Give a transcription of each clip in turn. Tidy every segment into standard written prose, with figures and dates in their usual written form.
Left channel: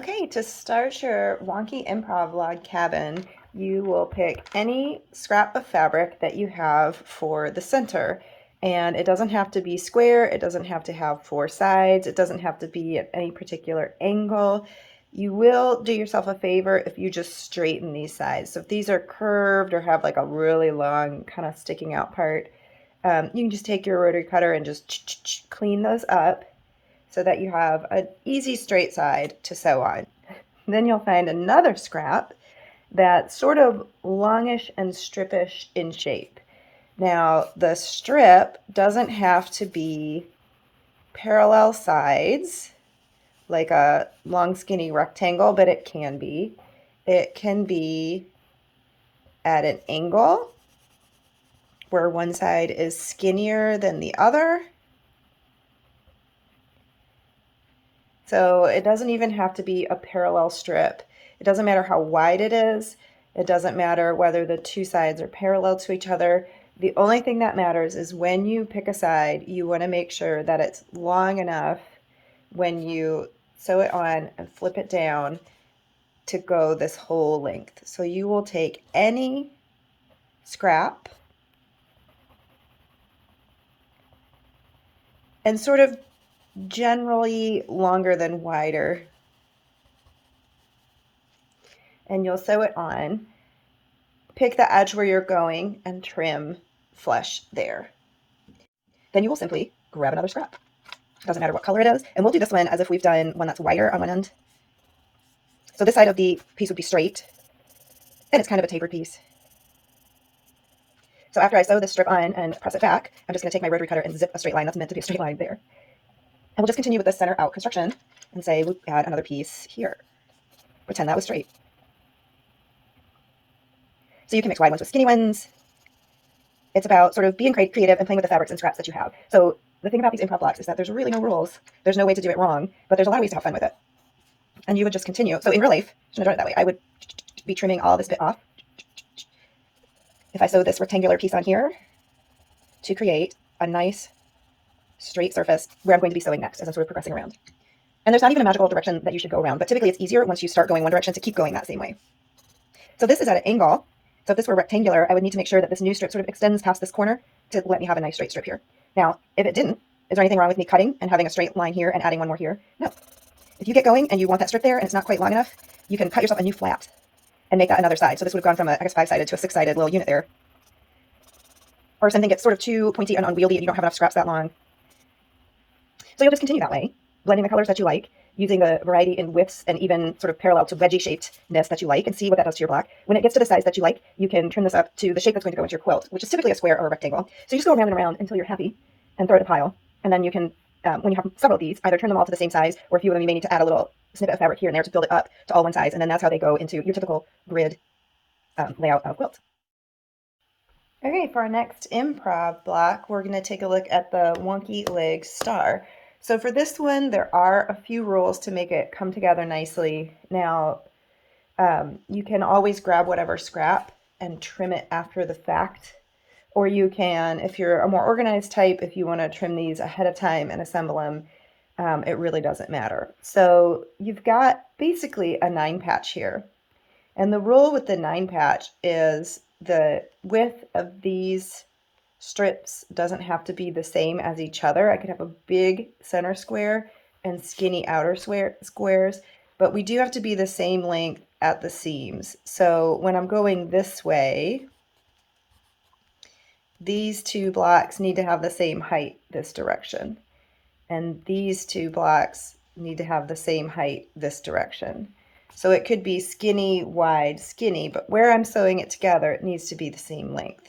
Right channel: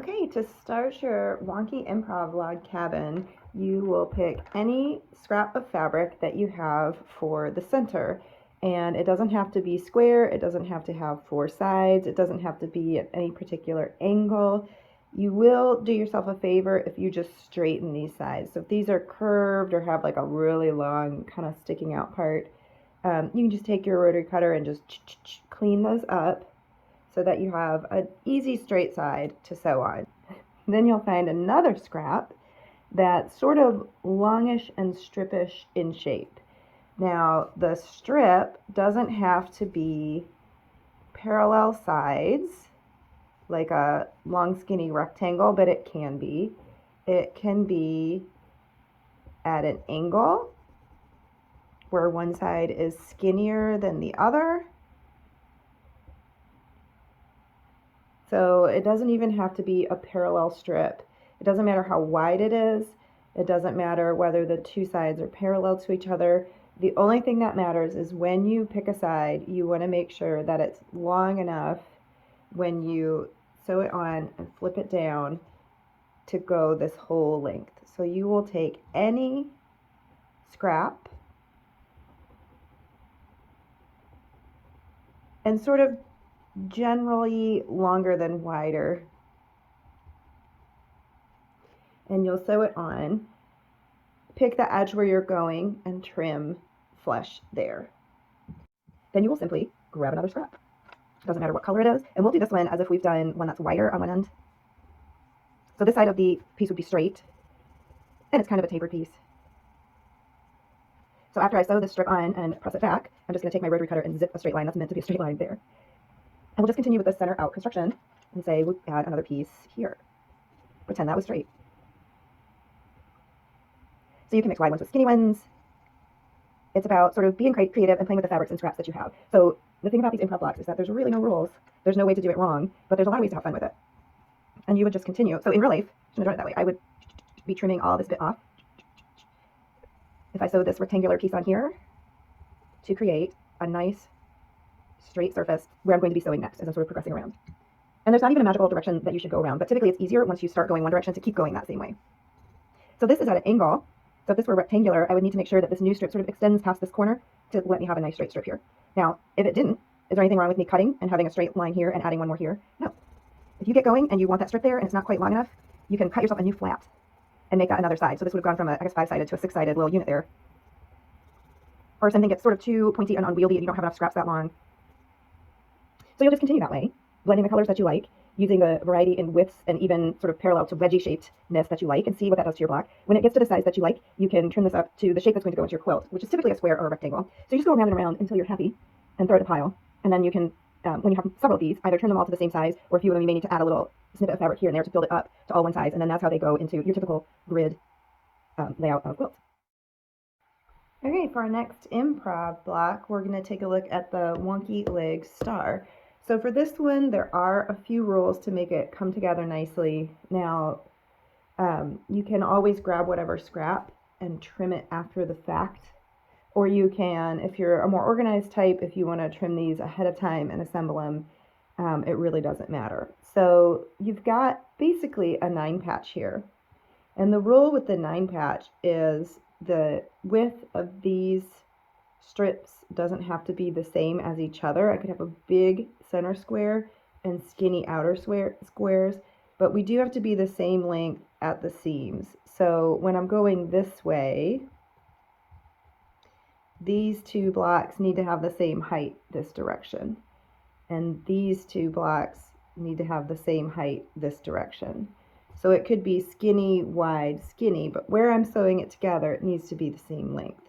Okay, to start your wonky improv log cabin, you will pick any scrap of fabric that you have for the center. And it doesn't have to be square, it doesn't have to have four sides, it doesn't have to be at any particular angle. You will do yourself a favor if you just straighten these sides. So if these are curved or have like a really long kind of sticking out part, you can just take your rotary cutter and just clean those up so that you have an easy straight side to sew on. Then you'll find another scrap that's sort of longish and stripish in shape. Now, the strip doesn't have to be parallel sides like a long skinny rectangle, but it can be. It can be at an angle where one side is skinnier than the other. So it doesn't even have to be a parallel strip. It doesn't matter how wide it is. It doesn't matter whether the two sides are parallel to each other. The only thing that matters is when you pick a side, you want to make sure that it's long enough when you sew it on and flip it down to go this whole length. So you will take any scrap and sort of generally longer than wider, and you'll sew it on. Pick the edge where you're going and trim flush there. Then you will simply grab another scrap. Doesn't matter what color it is. And we'll do this one as if we've done one that's wider on one end. So this side of the piece would be straight, and it's kind of a tapered piece. So after I sew this strip on and press it back, I'm just going to take my rotary cutter and zip a straight line that's meant to be a straight line there. And we'll just continue with this center out construction and say we'll add another piece here. Pretend that was straight. So you can mix wide ones with skinny ones. It's about sort of being creative and playing with the fabrics and scraps that you have. So the thing about these improv blocks is that there's really no rules. There's no way to do it wrong, but there's a lot of ways to have fun with it. And you would just continue. So in real life, shouldn't have done it that way. I would be trimming all this bit off. If I sew this rectangular piece on here to create a nice straight surface where I'm going to be sewing next as I'm sort of progressing around. And there's not even a magical direction that you should go around, but typically it's easier once you start going one direction to keep going that same way. So this is at an angle. So if this were rectangular, I would need to make sure that this new strip sort of extends past this corner to let me have a nice straight strip here. Now, if it didn't, is there anything wrong with me cutting and having a straight line here and adding one more here? No. If you get going and you want that strip there and it's not quite long enough, you can cut yourself a new flat and make that another side. So this would have gone from a, I guess, 5-sided to a 6-sided little unit there. Or if something gets sort of too pointy and unwieldy and you don't have enough scraps that long. So you'll just continue that way, blending the colors that you like, using the variety in widths and even sort of parallel to wedgie shapedness that you like, and see what that does to your block. When it gets to the size that you like, you can trim this up to the shape that's going to go into your quilt, which is typically a square or a rectangle. So you just go around and around until you're happy and throw it in a pile. And then you can, when you have several of these, either turn them all to the same size, or a few of them you may need to add a little snippet of fabric here and there to build it up to all one size. And then that's how they go into your typical grid layout of quilt. Okay, for our next improv block, we're going to take a look at the wonky leg star. So for this one, there are a few rules to make it come together nicely. Now, you can always grab whatever scrap and trim it after the fact. Or you can, if you're a more organized type, if you want to trim these ahead of time and assemble them, it really doesn't matter. So you've got basically a 9-patch here. And the rule with the 9-patch is the width of these strips doesn't have to be the same as each other. I could have a big center square and skinny outer squares, but we do have to be the same length at the seams. So when I'm going this way, these two blocks need to have the same height this direction. And these two blocks need to have the same height this direction. So it could be skinny, wide, skinny, but where I'm sewing it together, it needs to be the same length.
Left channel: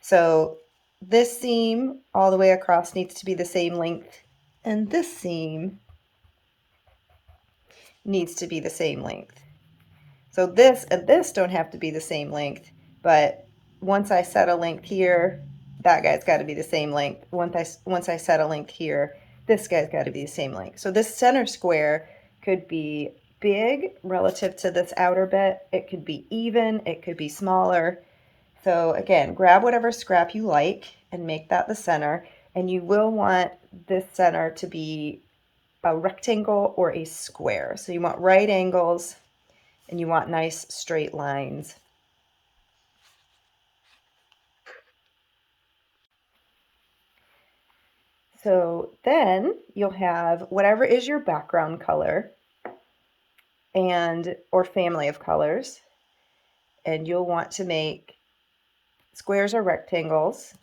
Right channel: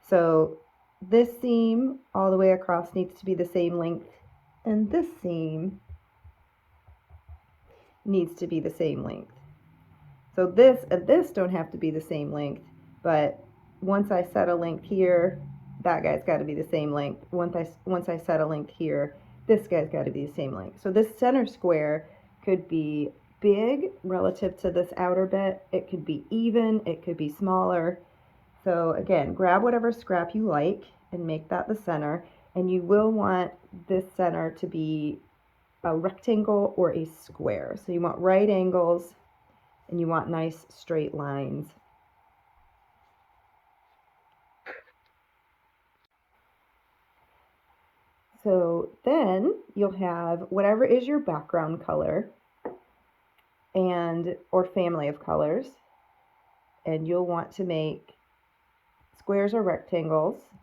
So this seam all the way across needs to be the same length, and this seam needs to be the same length. So this and this don't have to be the same length, but once I set a length here, that guy's got to be the same length. Once I set a length here, this guy's got to be the same length. So this center square could be big relative to this outer bit. It could be even, it could be smaller. So again, grab whatever scrap you like and make that the center. And you will want this center to be a rectangle or a square. So you want right angles and you want nice straight lines. So then you'll have whatever is your background color and or family of colors, and you'll want to make squares or rectangles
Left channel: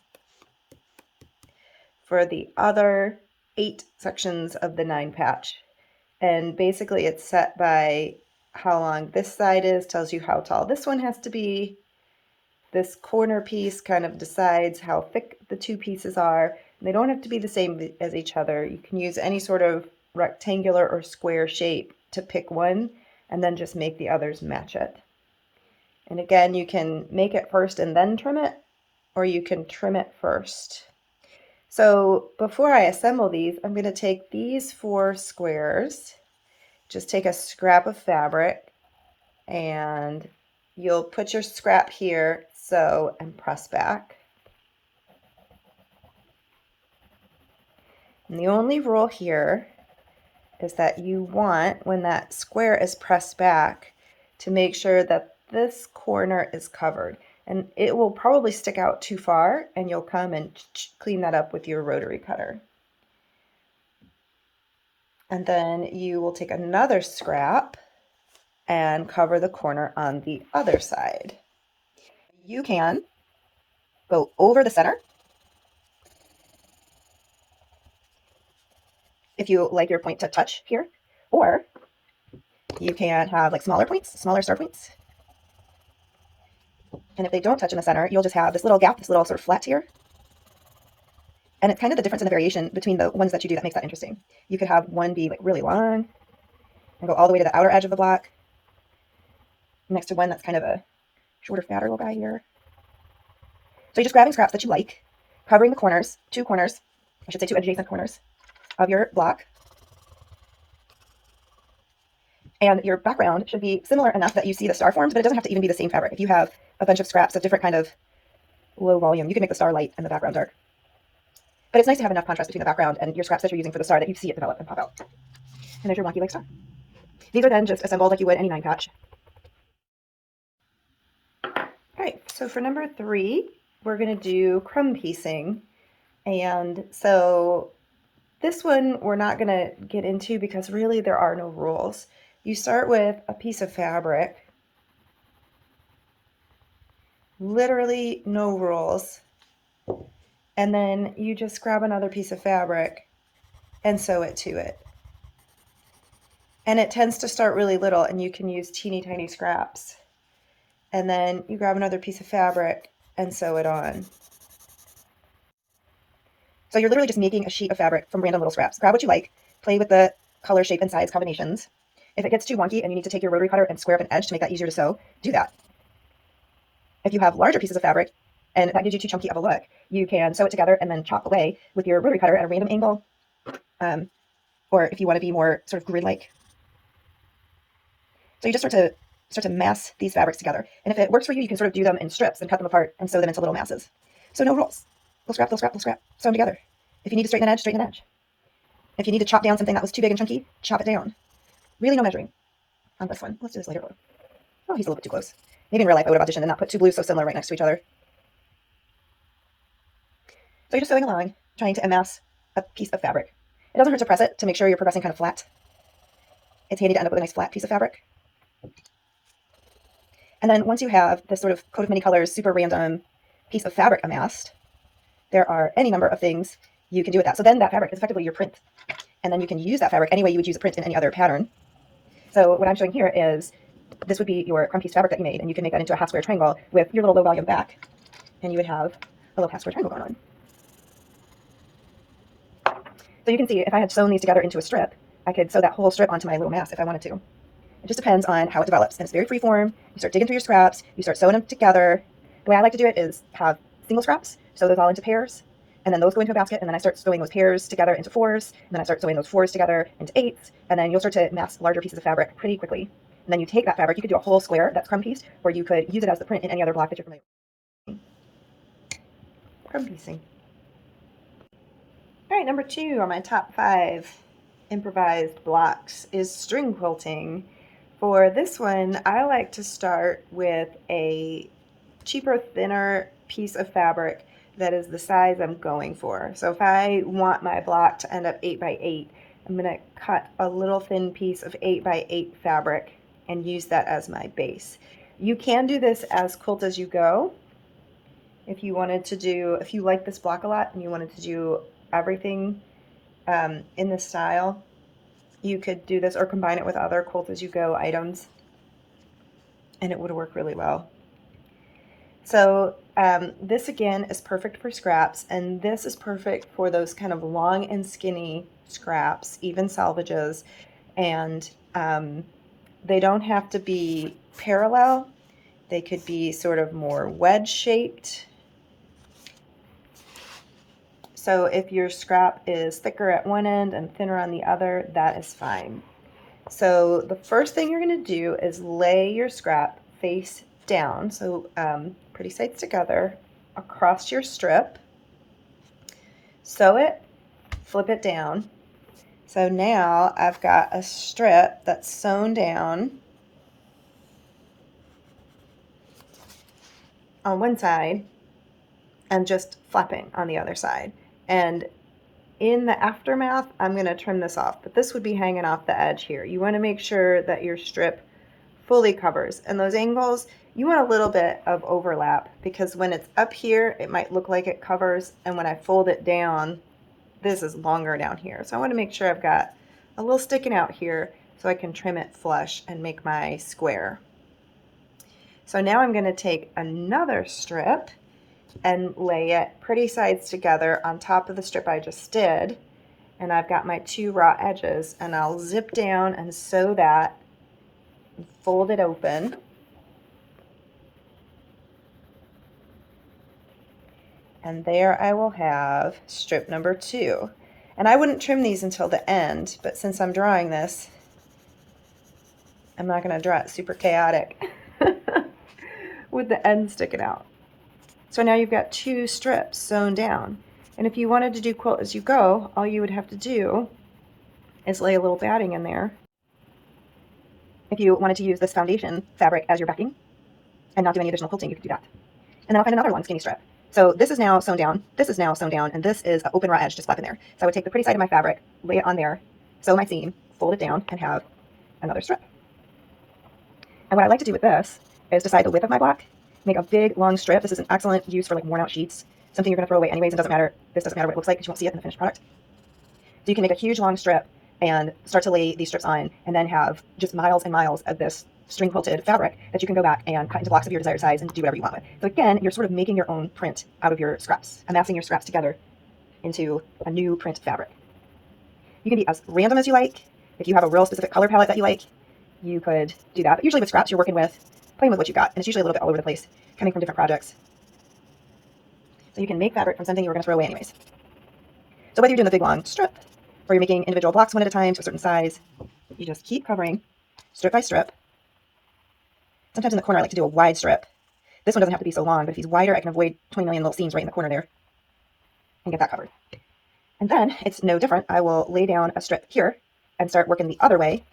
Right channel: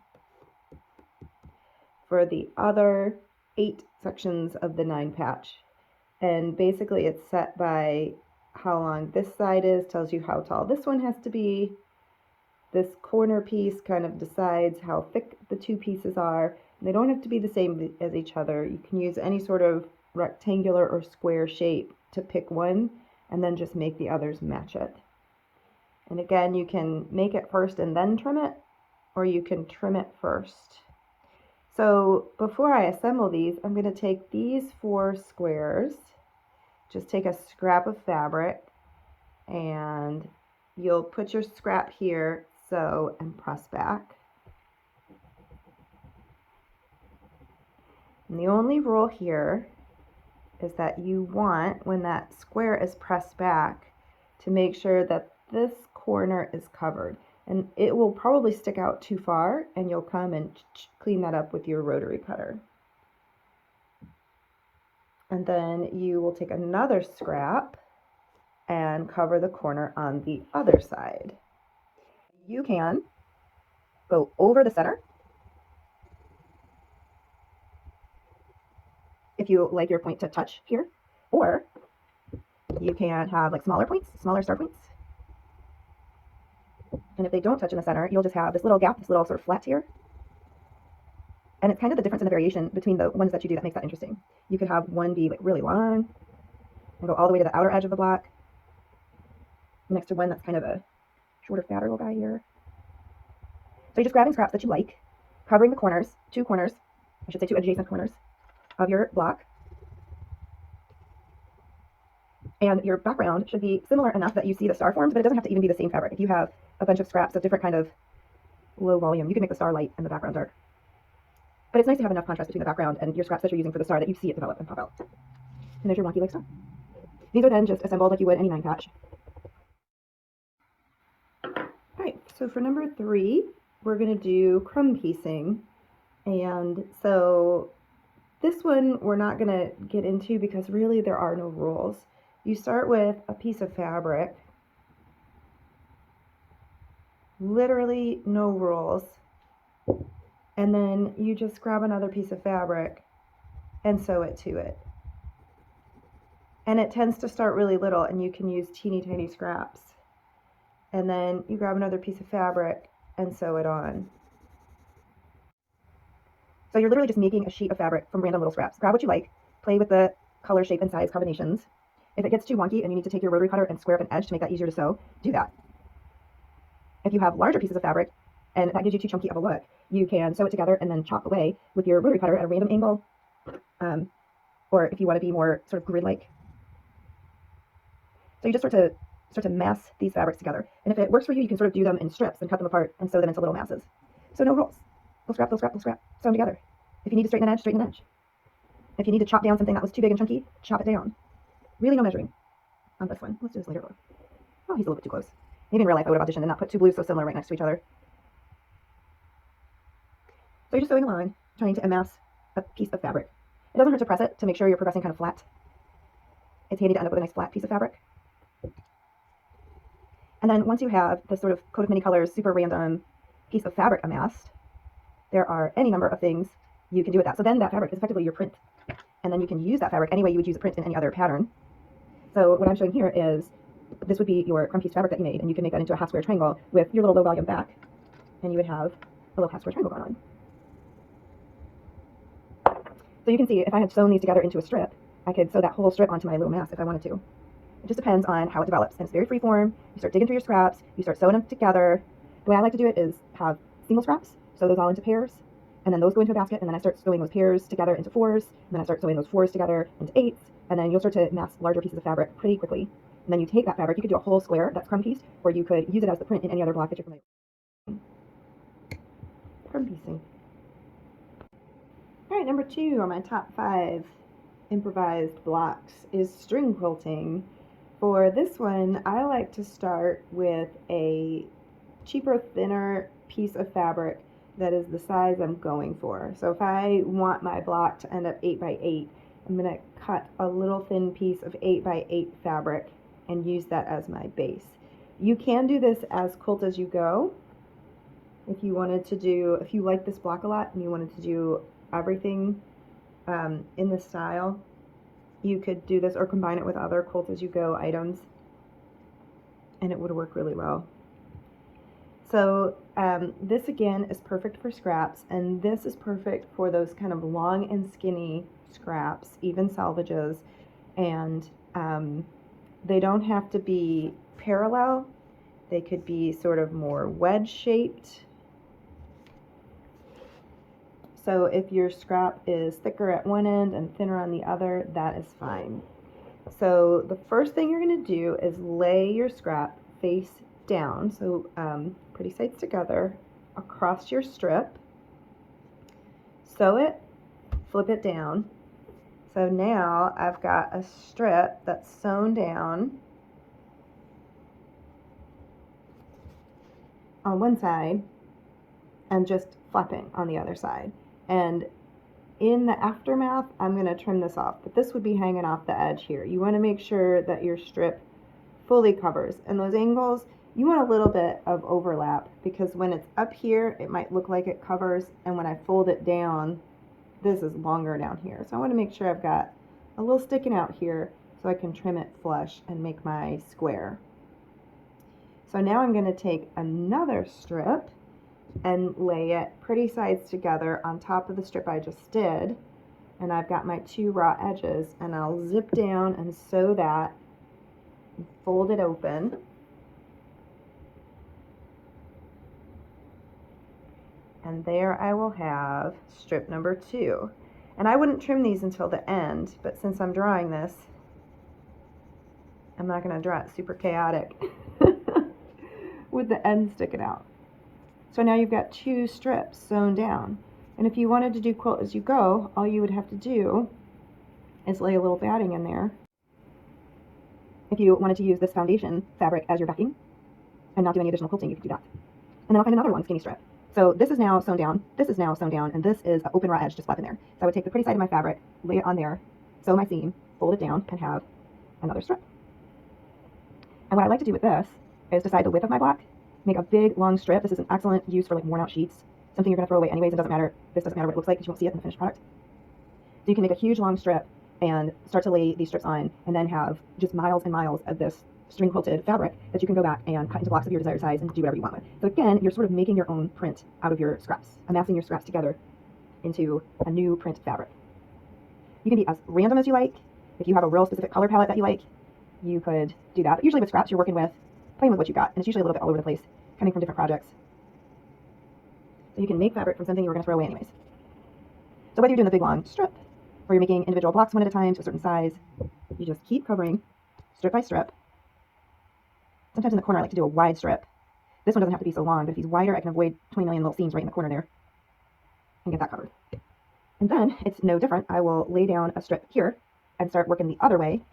for the other 8 sections of the 9 patch. And basically it's set by how long this side is, tells you how tall this one has to be. This corner piece kind of decides how thick the 2 pieces are. And they don't have to be the same as each other. You can use any sort of rectangular or square shape to pick one and then just make the others match it. And again, you can make it first and then trim it, or you can trim it first. So before I assemble these, I'm going to take these 4 squares, just take a scrap of fabric, and you'll put your scrap here, sew, and press back. And the only rule here is that you want, when that square is pressed back, to make sure that this corner is covered. And it will probably stick out too far, and you'll come and clean that up with your rotary cutter. And then you will take another scrap and cover the corner on the other side. You can go over the center if you like your point to touch here, or you can have like smaller points, smaller star points. And if they don't touch in the center, you'll just have this little gap, this little sort of flat here. And it's kind of the difference in the variation between the ones that you do that makes that interesting. You could have one be like really long and go all the way to the outer edge of the block, next to one that's kind of a shorter, fatter little guy here. So you're just grabbing scraps that you like, covering the corners, 2 corners, I should say 2 adjacent corners of your block. And your background should be similar enough that you see the star forms, but it doesn't have to even be the same fabric. If you have a bunch of scraps of different kind of low volume, you can make the star light and the background dark. But it's nice to have enough contrast between the background and your scraps that you're using for the star that you see it develop and pop out. And there's your wonky like star. These are then just assembled like you would any 9 patch. All right, so for number 3, we're going to do crumb piecing. And so this one we're not going to get into because really there are no rules. You start with a piece of fabric, literally no rules, and then you just grab another piece of fabric and sew it to it. And it tends to start really little, and you can use teeny tiny scraps. And then you grab another piece of fabric and sew it on. So you're literally just making a sheet of fabric from random little scraps. Grab what you like, play with the color, shape, and size combinations. If it gets too wonky and you need to take your rotary cutter and square up an edge to make that easier to sew, do that. If you have larger pieces of fabric and that gives you too chunky of a look, you can sew it together and then chop away with your rotary cutter at a random angle. Or if you want to be more sort of grid-like. So you just start to mass these fabrics together. And if it works for you, you can sort of do them in strips and cut them apart and sew them into little masses. So no rules. Little scrap, little scrap, little scrap. Sew them together. If you need to straighten an edge, straighten an edge. If you need to chop down something that was too big and chunky, chop it down. Really no measuring on this one. Let's do this later. Oh, he's a little bit too close. Maybe in real life I would have auditioned and not put 2 blues so similar right next to each other. So you're just sewing along, trying to amass a piece of fabric. It doesn't hurt to press it to make sure you're progressing kind of flat. It's handy to end up with a nice flat piece of fabric. And then once you have this sort of coat of many colors, super random piece of fabric amassed, there are any number of things you can do with that. So then that fabric is effectively your print. And then you can use that fabric any way you would use a print in any other pattern. So what I'm showing here is, this would be your crumb piece fabric that you made, and you can make that into a half square triangle with your little low volume back, and you would have a little half square triangle going on. So you can see if I had sewn these together into a strip, I could sew that whole strip onto my little mass if I wanted to. It just depends on how it develops, and it's very freeform. You start digging through your scraps, you start sewing them together. The way I like to do it is have single scraps, sew those all into pairs, and then those go into a basket, and then I start sewing those pairs together into 4s, and then I start sewing those 4s together into 8s, and then you'll start to mass larger pieces of fabric pretty quickly. And then you take that fabric, you could do a whole square that's crumb pieced, or you could use it as the print in any other block that you're familiar with. Crumb piecing. All right, number 2 on my top 5 Improvised Blocks is string quilting. For this one, I like to start with a cheaper, thinner piece of fabric that is the size I'm going for. So if I want my block to end up 8 by 8, I'm going to cut a little thin piece of 8 by 8 fabric and use that as my base. You can do this as quilt as you go. If you like this block a lot and you wanted to do everything in this style, you could do this or combine it with other quilt as you go items, and it would work really well. So this again is perfect for scraps, and this is perfect for those kind of long and skinny scraps, even salvages, and they don't have to be parallel. They could be sort of more wedge shaped. So if your scrap is thicker at one end and thinner on the other, that is fine. So the first thing you're going to do is lay your scrap face down, so pretty sides together, across your strip. Sew it, flip it down. So now I've got a strip that's sewn down on one side and just flapping on the other side. And in the aftermath, I'm going to trim this off, but this would be hanging off the edge here. You want to make sure that your strip fully covers. And those angles, you want a little bit of overlap, because when it's up here, it might look like it covers, and when I fold it down, this is longer down here. So I want to make sure I've got a little sticking out here so I can trim it flush and make my square. So now I'm going to take another strip and lay it pretty sides together on top of the strip I just did. And I've got my two raw edges, and I'll zip down and sew that, and fold it open. And there I will have strip number 2. And I wouldn't trim these until the end, but since I'm drawing this, I'm not going to draw it super chaotic with the end sticking out. So now you've got 2 strips sewn down. And if you wanted to do quilt as you go, all you would have to do is lay a little batting in there. If you wanted to use this foundation fabric as your backing and not do any additional quilting, you could do that. And then I'll find another one, skinny strip. So this is now sewn down, this is now sewn down, and this is an open raw edge just flapping there. So I would take the pretty side of my fabric, lay it on there, sew my seam, fold it down, and have another strip. And what I like to do with this is decide the width of my block, make a big long strip. This is an excellent use for like worn out sheets, something you're going to throw away anyways. It doesn't matter. This doesn't matter what it looks like because you won't see it in the finished product. So you can make a huge long strip and start to lay these strips on, and then have just miles and miles of this string quilted fabric that you can go back and cut into blocks of your desired size and do whatever you want with. So again, you're sort of making your own print out of your scraps, amassing your scraps together into a new print fabric. You can be as random as you like. If you have a real specific color palette that you like, you could do that. But usually with scraps, you're working with, playing with what you got, and it's usually a little bit all over the place, coming from different projects. So you can make fabric from something you were going to throw away anyways. So whether you're doing the big long strip or you're making individual blocks one at a time to a certain size, you just keep covering strip by strip. Sometimes in the corner, I like to do a wide strip. This one doesn't have to be so long, but if he's wider, I can avoid 20 million little seams right in the corner there and get that covered. And then it's no different. I will lay down a strip here and start working the other way,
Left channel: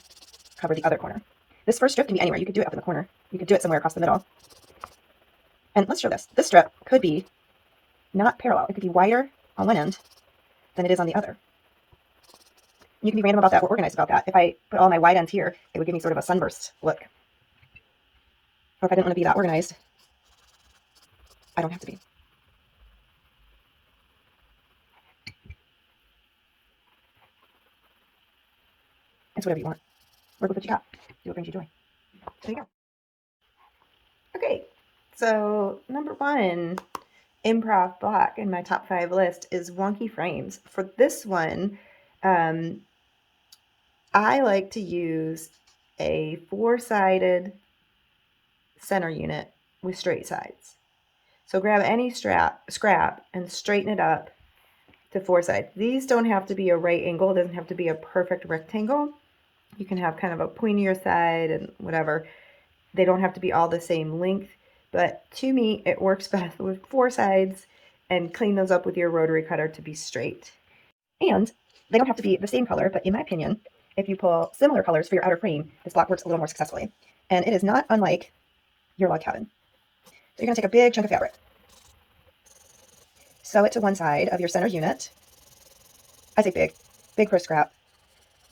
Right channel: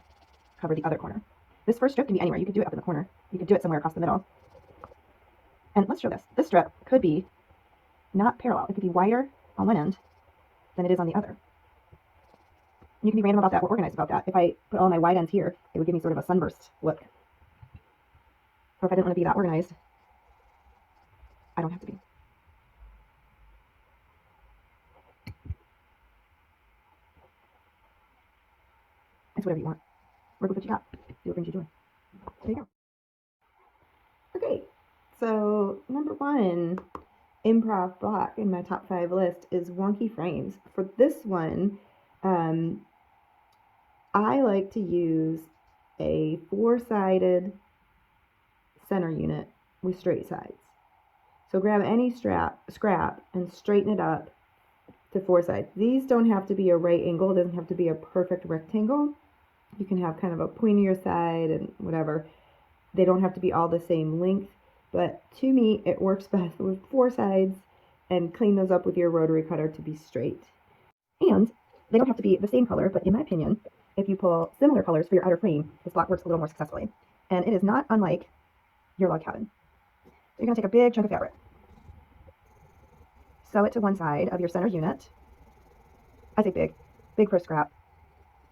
cover the other corner. This first strip can be anywhere. You can do it up in the corner. You can do it somewhere across the middle. And let's show this. This strip could be not parallel. It could be wider on one end than it is on the other. You can be random about that or organized about that. If I put all my wide ends here, it would give me sort of a sunburst look. Or if I didn't want to be that organized, I don't have to be. It's whatever you want. Work with what you got. Do what brings you joy. There you go. Okay, so number 1 improv block in my top 5 list is wonky frames. For this one, I like to use a 4-sided center unit with straight sides. So grab any scrap and straighten it up to 4 sides. These don't have to be a right angle. It doesn't have to be a perfect rectangle. You can have kind of a pointier side and whatever. They don't have to be all the same length, but to me, it works best with 4 sides, and clean those up with your rotary cutter to be straight. And They don't have to be the same color, but in my opinion, if you pull similar colors for your outer frame, this block works a little more successfully. And it is not unlike your log cabin. So you're going to take a big chunk of fabric, sew it to one side of your center unit. I say big, big for a scrap.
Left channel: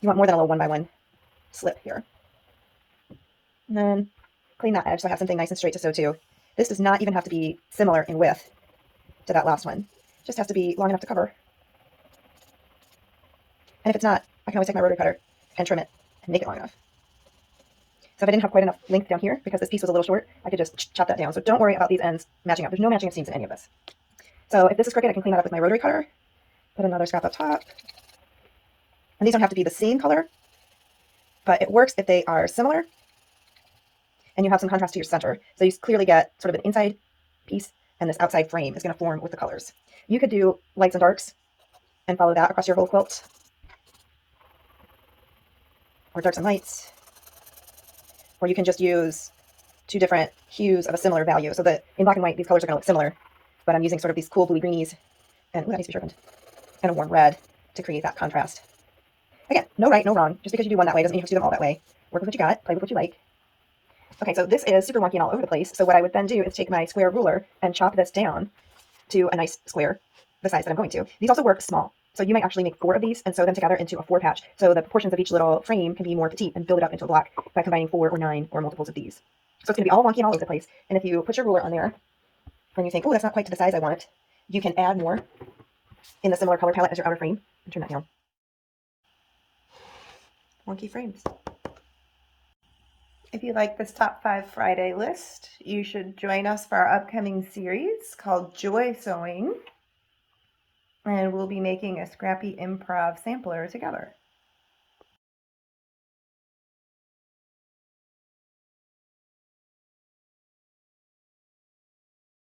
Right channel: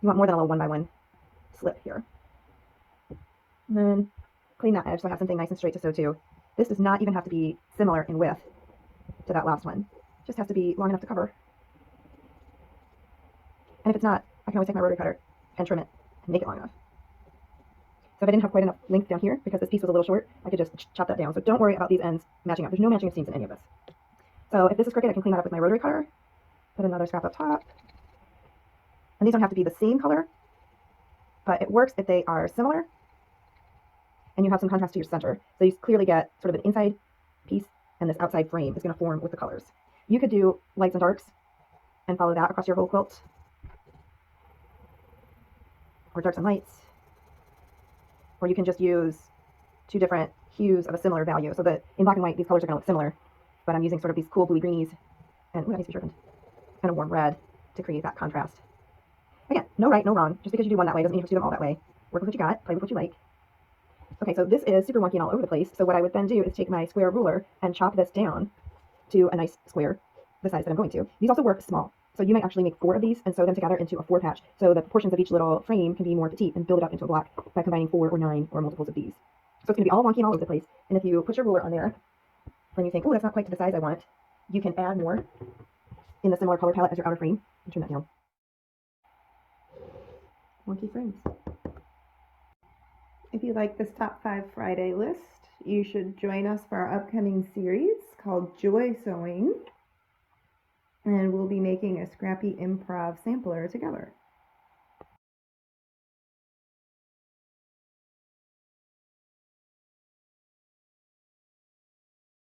You want more than a little 1x1 slip here. And then clean that edge so I have something nice and straight to sew to. This does not even have to be similar in width to that last one. It just has to be long enough to cover. And if it's not, I can always take my rotary cutter and trim it and make it long enough. So if I didn't have quite enough length down here, because this piece was a little short, I could just chop that down. So don't worry about these ends matching up. There's no matching of seams in any of this. So if this is crooked, I can clean that up with my rotary cutter. Put another scrap up top. And these don't have to be the same color, but it works if they are similar and you have some contrast to your center. So you clearly get sort of an inside piece, and this outside frame is going to form with the colors. You could do lights and darks and follow that across your whole quilt, or darks and lights, or you can just use two different hues of a similar value. So that in black and white, these colors are going to look similar, but I'm using sort of these cool bluey greenies and, ooh, that needs to be sharpened, and a warm red to create that contrast. Again, no right, no wrong. Just because you do one that way doesn't mean you have to do them all that way. Work with what you got, play with what you like. Okay, so this is super wonky and all over the place. So what I would then do is take my square ruler and chop this down to a nice square, the size that I'm going to. These also work small. So you might actually make 4 of these and sew them together into a 4 patch. So the proportions of each little frame can be more petite and build it up into a block by combining 4 or 9 or multiples of these. So it's going to be all wonky and all over the place. And if you put your ruler on there and you think, oh, that's not quite to the size I want, you can add more in the similar color palette as your outer frame and turn that down. Wonky frames. If you like this Top 5 Friday list, you should join us for our upcoming series called Joy Sewing. And we'll be making a scrappy improv sampler together.